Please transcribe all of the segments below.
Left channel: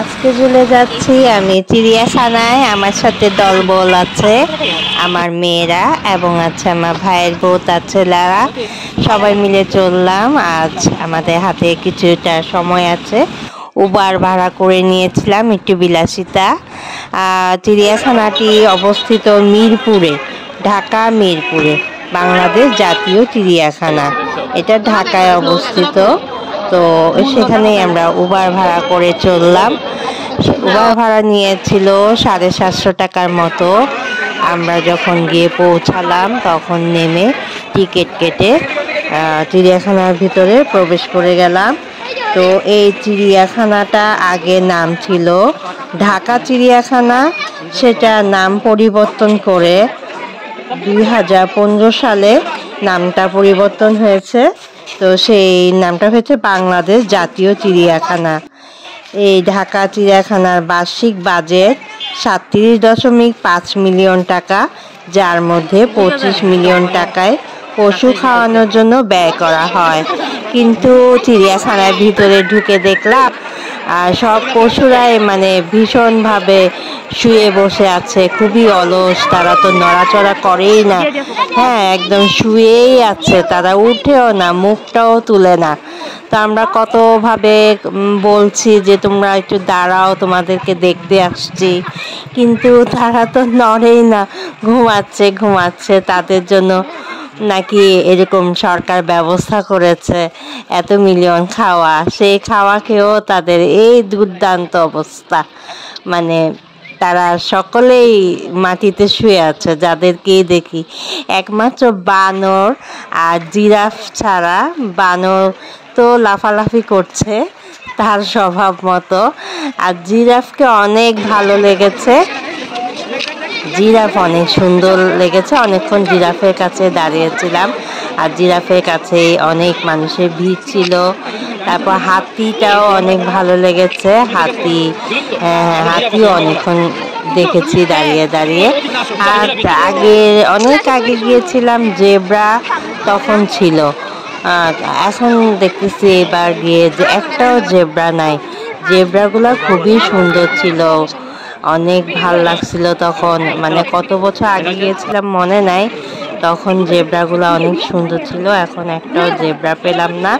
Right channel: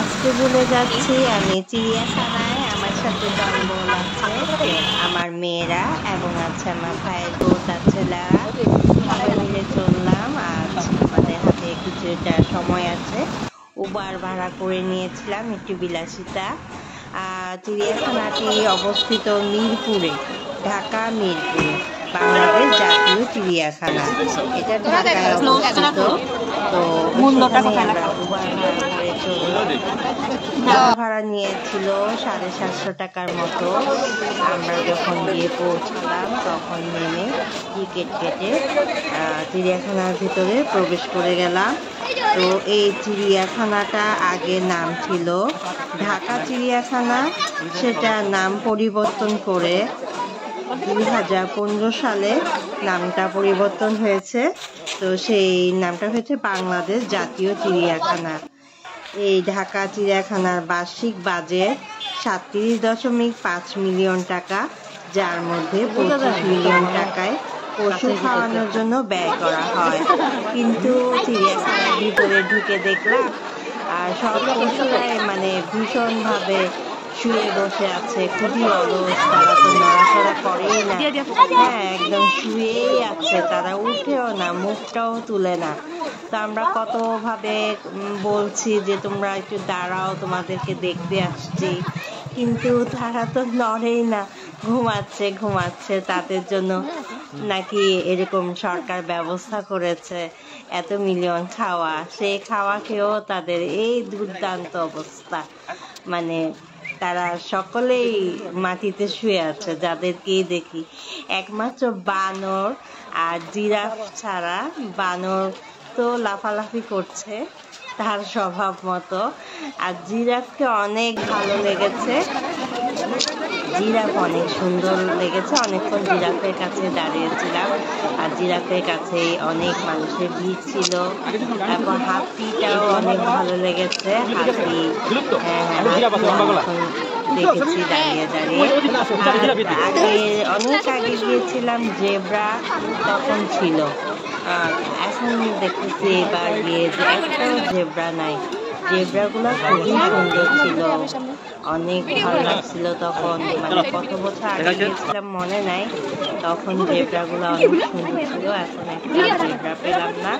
আজকে চলে যাচ্ছি আমি চিড়িয়াখানায়। আমার সাথে দলবল আছে, আমার মেয়েরা এবং আছে আমার ভাইয়ের বউ তার ছেলেরা, সবাই মিলে চললাম। আজ আমাদের হাতে কিছুটা সময় আছে, উবার ভাড়া করে নিয়েছিলাম একটু বিলাসিতা। চিড়িয়াখানাটি অবস্থিত মিরপুরে, ঢাকা মিরপুরে, বাংলাদেশ জাতীয় চিড়িয়াখানা। এটা ঢাকায় অবস্থিত। তো সেখানেই আমরা উবার ভাড়া করে চললাম। উবার ভাড়া নিয়েছিল 750 টাকার মতো। আমরা যখন গিয়ে পৌঁছালাম তখন নেমে টিকিট কেটে চিড়িয়াখানার ভিতরে প্রবেশ করে গেলাম। তো এই চিড়িয়াখানাটা আগে নাম ছিল ঢাকা চিড়িয়াখানা, সেটা নাম পরিবর্তন করে 2015 সালে নামটা পরিবর্তন হয়েছে। তো সেই নামটা হচ্ছে বাংলাদেশ জাতীয় চিড়িয়াখানা। এই ঢাকা চিড়িয়াখানার বার্ষিক বাজেট 37.5 মিলিয়ন টাকা, যার মধ্যে 25 মিলিয়ন টাকায় পশু খাওয়ানোর জন্য ব্যয় করা হয়। কিন্তু চিড়িয়াখানার ভিতরে ঢুকে দেখলাম সব পশুরাই মানে ভীষণভাবে শুয়ে বসে আছে, খুবই অলস। তারা তো নড়াচড়া করেই না, হ্যাঁ একদম শুয়েই আছে, তারা উঠেও না, মুখটাও তুলে না। তো আমরা কতভাবে বলছি যে তোমরা একটু দাঁড়াও, তোমাদেরকে দেখতে আসছি, কিন্তু তারা তো নড়েই না, ঘুমাচ্ছে ঘুমাচ্ছে। তাদের জন্য নাকি এরকম সরকার ব্যবস্থা করেছে এত মিলিয়ন খাওয়া, সেই খাওয়া খেয়েও তাদের এই দুর্দান্ত অবস্থা। মানে তারা সকলেই মাটিতে শুয়ে আছে, যাদেরকেই দেখি। একমাত্র বানর আর জিরাফ ছাড়া, বানর তো লাফালাফি করছে তার স্বভাব মতো, আর জিরাফকে অনেক ভালো লেগেছে, জিরাফ অনেক সুন্দর লেগেছে। অনেকক্ষণ জিরাফের কাছে দাঁড়িয়েছিলাম, আর জিরাফের কাছে অনেক মানুষের ভিড় ছিল। তারপর হাতিটাও অনেক ভালো লেগেছে, হাতিও অনেকক্ষণ দেখেছি দাঁড়িয়ে দাঁড়িয়ে। আর অনেক আগে গিয়েছিলাম জেব্রা তখন ছিল, এখন দেখতেছি এবার গিয়ে যে একটাও জেব্রা নাই। জেব্রাগুলো খুবই সুন্দর ছিল, অনেক ভাল লাগছিল তখন, মানে কত বছর আগে গিয়েছিলাম মনে নাই, তখন জেব্রাগুলো অনেক সুন্দর ছিল। এখন একটাও জেব্রা পেলাম না,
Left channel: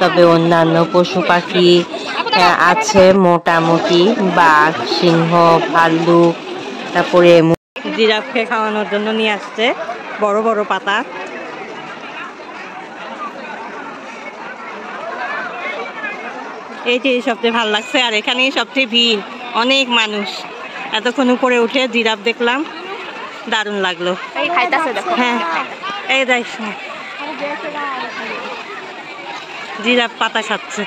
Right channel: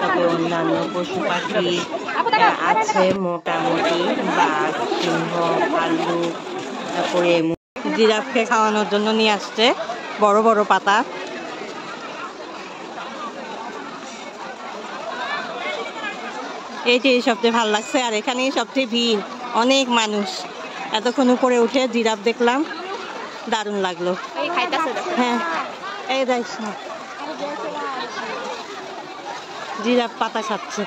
তবে অন্যান্য পশু পাখি আছে মোটামুটি, বাঘ, সিংহ, ভাল্লুক। তারপরে জিরাফকে খাওয়ানোর জন্য নিয়ে আসছে বড় বড় পাতা। এইটাই সবচেয়ে ভালো লাগছে, আর এখানেই সবচেয়ে ভিড়, অনেক মানুষ। এতক্ষণ উপরে উঠে জিরাফ দেখলাম, দারুণ লাগলো। হ্যাঁ এই দেখ, জিরাফ পাতা খাচ্ছে।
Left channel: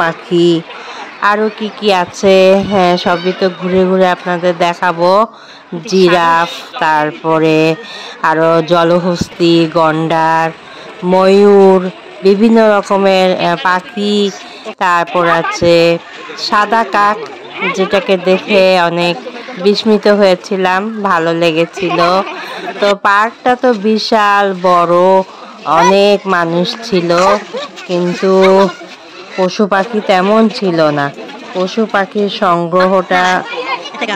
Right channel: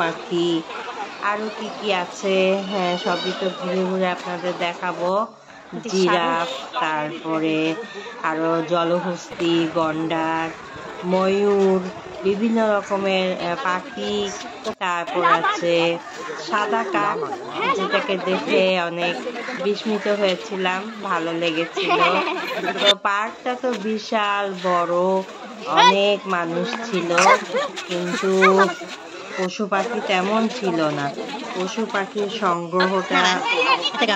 পাখি আরো কি কি আছে, হ্যাঁ সবই তো ঘুরে ঘুরে আপনাদের দেখাবো। জিরাফ, তারপরে আরো জলহস্তি, গন্ডার, ময়ূর, বিভিন্ন রকমের পাখি। তারপর আছে সাদা কাক, যেটাকে দেখে অনেক বিস্মিত হয়েছিলাম, ভালো লেগেছিল। তো পার্কটা তো বিশাল বড়, অনেক মানুষ ছিল, কিন্তু পশু পাখি তেমন ছিল না। পশু পাখির সংগ্রহটা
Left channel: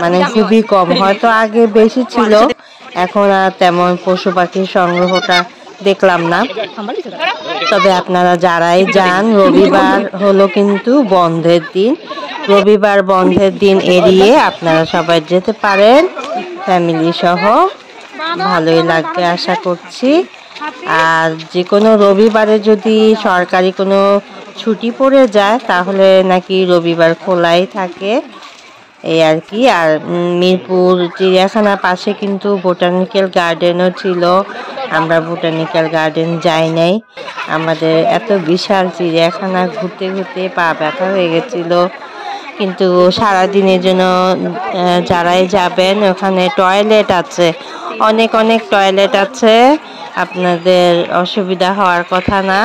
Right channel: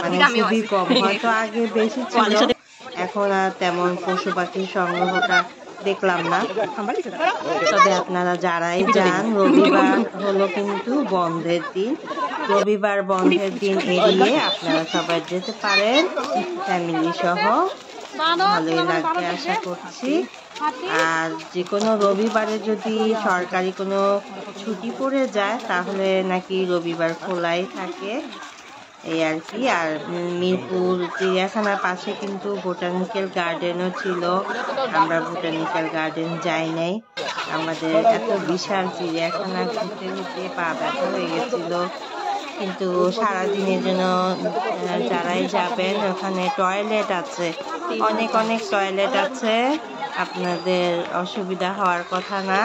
মানে খুবই কম, হয়তো আগে বেশি ছিল, এখন আর তেমন পশু পাখির সংগ্রহটা দেখলাম না। তবে আপনারা যারাই যান, রবিবার হলো কিন্তু বন্ধের দিন, রবিবার বন্ধের দিন এড়িয়ে আপনারা সবাই যেতে পারেন ফ্যামিলি সহ, ভালোই লাগবে আশা করছি। আর যে কোনো রবিবারে যদি সরকারি কোনো ছুটি পড়ে যায় তাহলে নাকি রবিবার খোলাই থাকে, এই আর কি। আর মিরপুর চিড়িয়াখানার পাশে কিন্তু বোটানিক্যাল গার্ডেনও ছিল, আমরা বোটানিক্যাল গার্ডেন যাই নাই। আমাদের এত বিশাল চিড়িয়াখানা ঘুরতে ঘুরতে পা ব্যথা হয়ে গেছিল। কিন্তু সারাদিনের জন্য যারাই যাবেন, ওখানে টয়লেট আছে, অনেক অনেক টয়লেট আছে, আপনাদের অসুবিধা হওয়ার কথা না,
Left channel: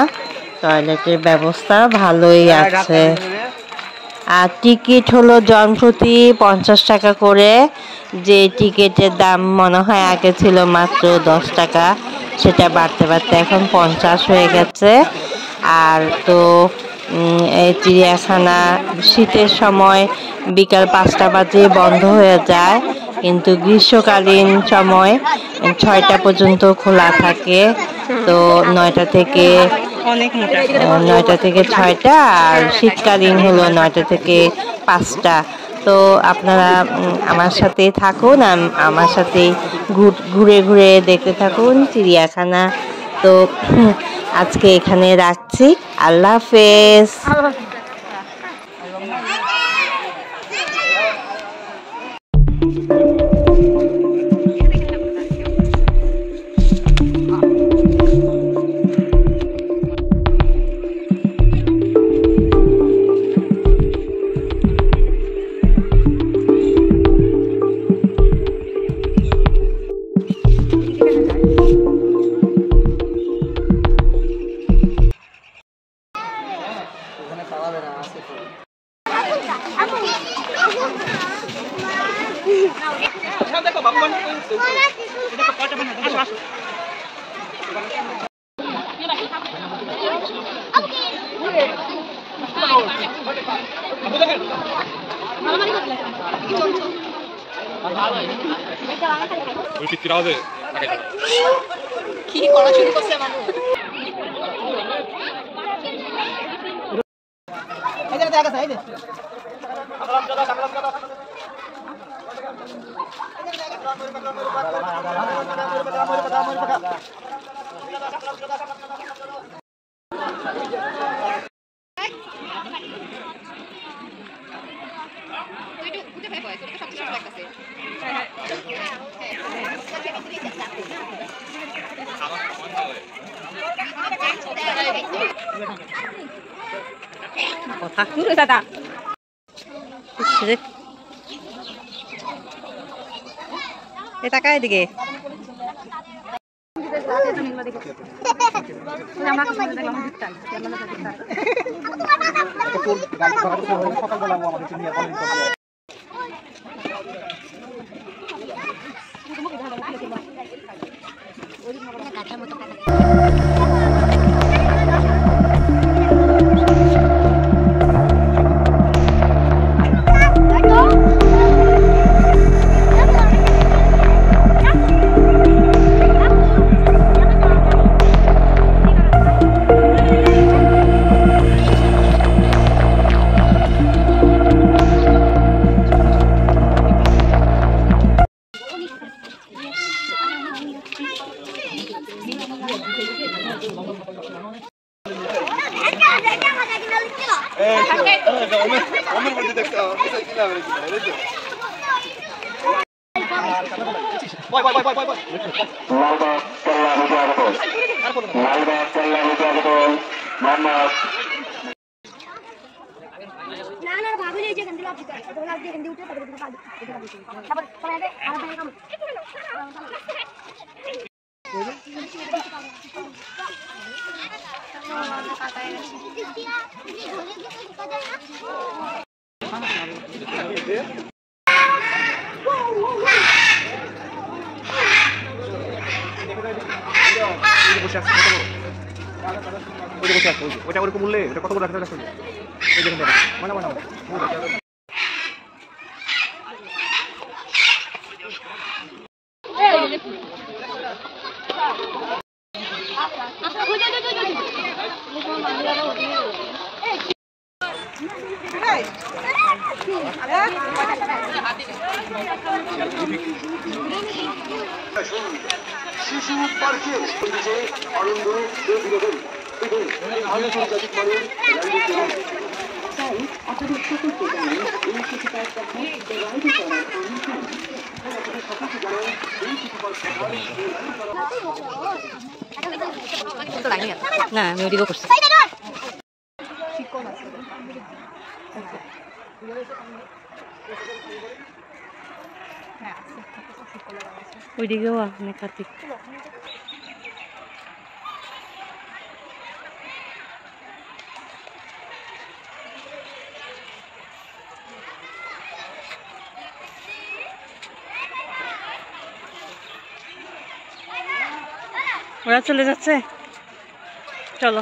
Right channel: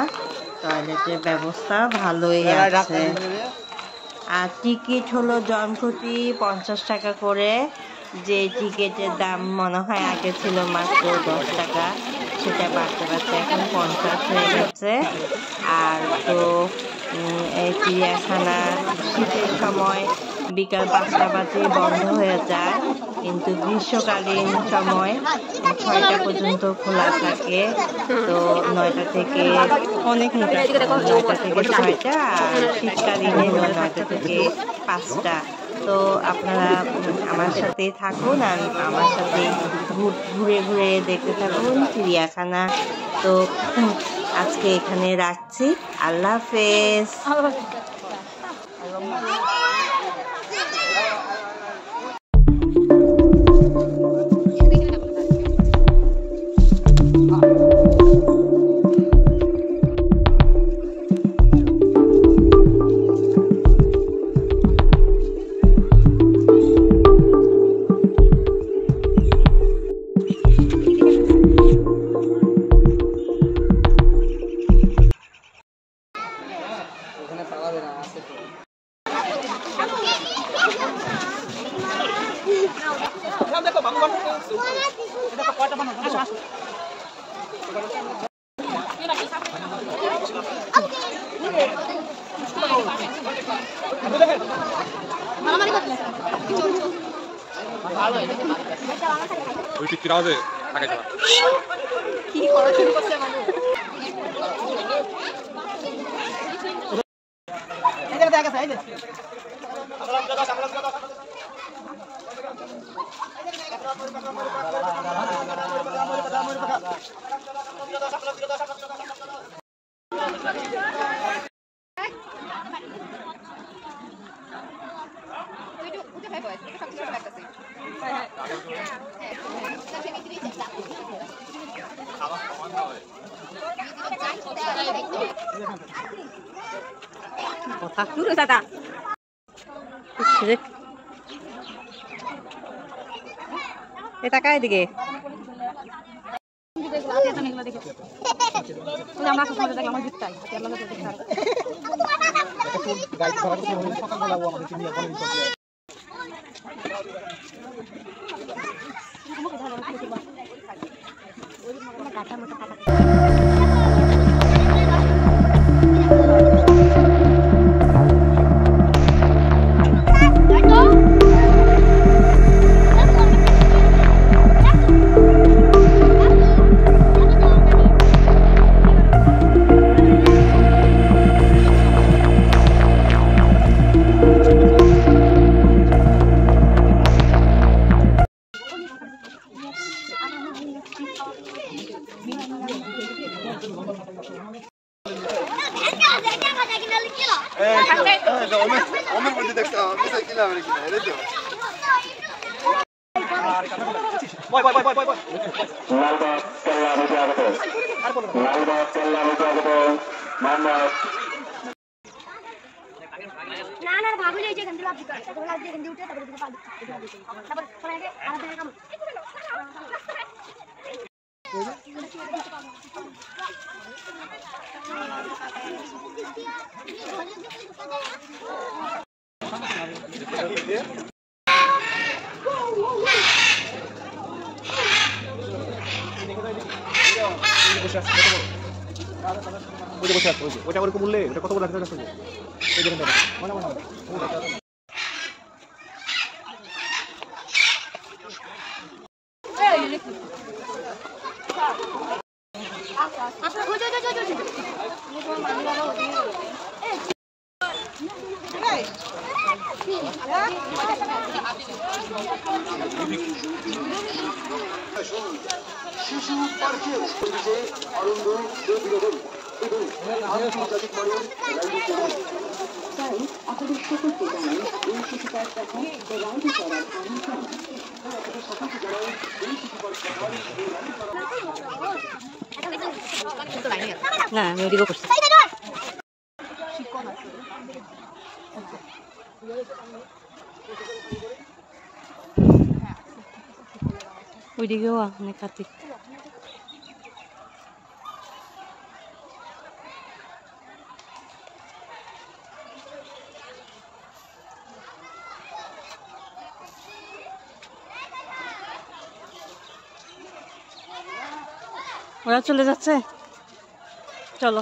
টয়লেটের ব্যবস্থা ভালোই আছে। আর টিকিট হলো জনপ্রতি 50 টাকা করে, যে টিকিটের দাম মনে হয় আগে ছিল মাত্র 10 টাকা, সেটা বাড়তে বাড়তে এখন 50 হয়ে গেছে। আর তো এই চিড়িয়াখানা শীতের সময় বিকাল 5টা বাজে বন্ধ হয়ে যায়, কিন্তু গ্রীষ্মকালীন সময় 6টা পর্যন্ত খোলা থাকে। তো 9টা থেকে 6টা, আর শীতকালীন হলো 9টা থেকে 5টা। তো আপনারা আমার সাথে থাকুন, আমার সাথে ঘুরে ঘুরে দেখতে থাকুন চিড়িয়াখানা। তো আজকে এখানে রাখছি, আল্লাহ হাফেজ। কথা এ টাকা এদিকে ওটা ওরকম বললে এটা কত বড় রাখতে হবে এই দেখুন মানে মানে শিশু পার্কের আনন্দ বিনোদন এবং আন্তর্জাতিক মানের তাই আপনাদের সকলকে জানাই এই শিশু পার্ক না আমি ওদিকেও করছি ওইদিকেও অনেক কার্তিক ওরা চলে যাচ্ছে, চলো।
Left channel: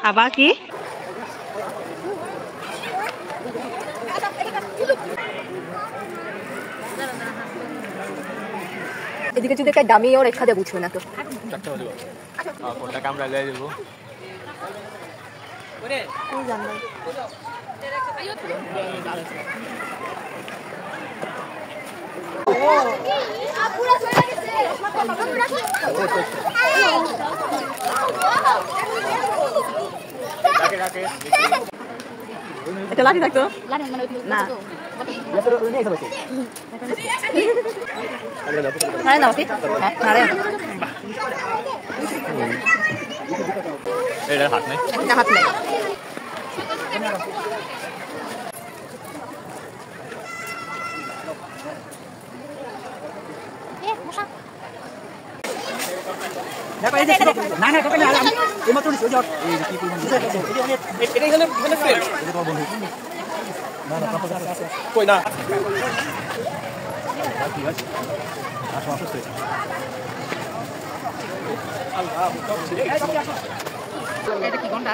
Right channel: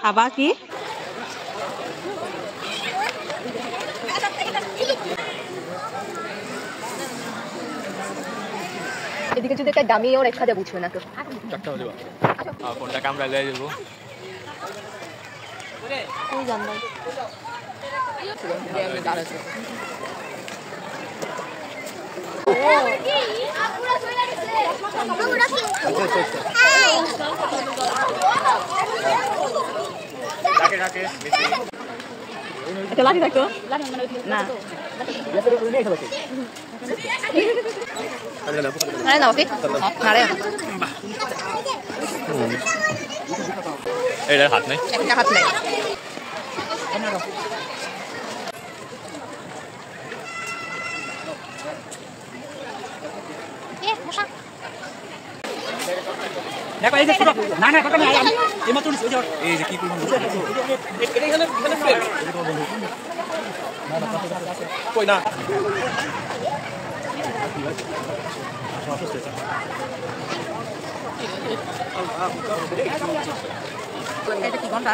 খাবা কি? এদিকে যদি একটা দামি ওর একটা দেবো বুঝবে না তো কোনটা কামড়া লয়ে যাব কোন জানবো রাখে রাখে এটা লাঠি থাকতো না আরে না ওকে আরে এটা হাত নেই একটা হাত নাই দেখো এই যে না না কাকা আমি এইমাত্র নিছি ওই যে এই যে কি পরিমাণ এটা এখানে ফেল কই না এটা কি ঘন্টা